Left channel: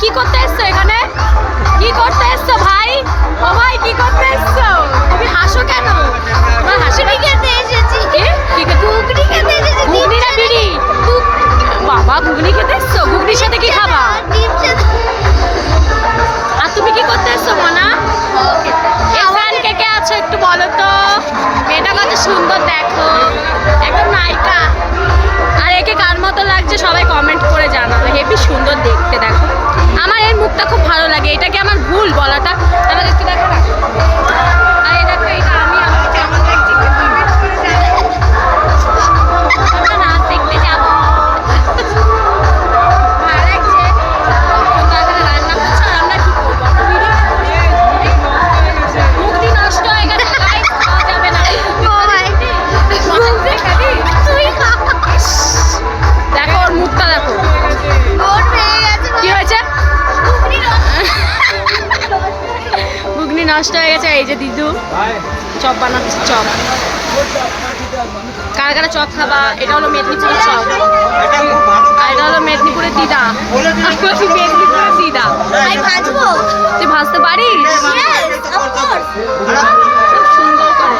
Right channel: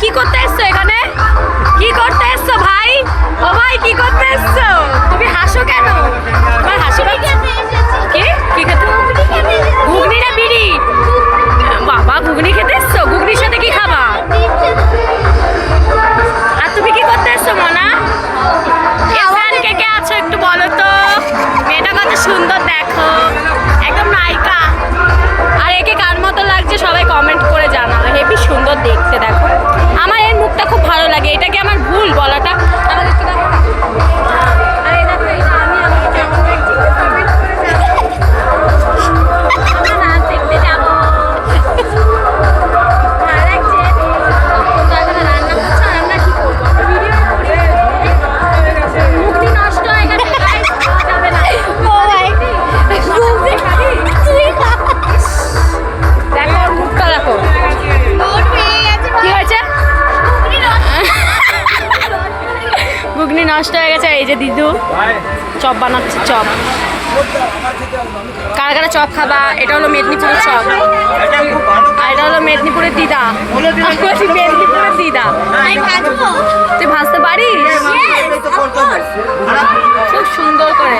কি করতে এসছো এখানে? কি করতে এসছো ভাই? ও ভাই কি করতে এসছো? তুমি হাসো কেন? তোমার হাসি পাচ্ছে? কি? ঘুগনি না বিড়ি? বাবা ঘুগনি খেতে এসছো? ঘুগনির সাথে কি খাবা? আর তুমি কি করতে এসছো মনা? এখান কে কে আছো একটু বলো তো। মেয়েটা কত সুন্দর দেখো, একদম নায়িকা। আর একে কার মতো লাগছে সবাই কমেন্ট করে জানাবে। হেবি সুন্দর দেখতে দেখো। আমার এই মুখটা খুব ভালো লাগে। এটা কি আমার ভুল বলাটা? আবার একটু দেখো না। আর এই দেখো এটা আমি আমার কেমন দেখছি। আমরা নাচ দেখতে যাবো। ঘুগনি নষ্ট হয়ে গেছে। এই যে দিদু চপ বানাচ্ছে। চপ কারা কারা চপ খাবা? এটা হলো মেদিনীপুরের চপ আর এটা হলো মেদিনীপুরের দিদা। মেদিনীপুরের দিদা। তুই ভাজতে পারিস? খুব সুন্দর করে।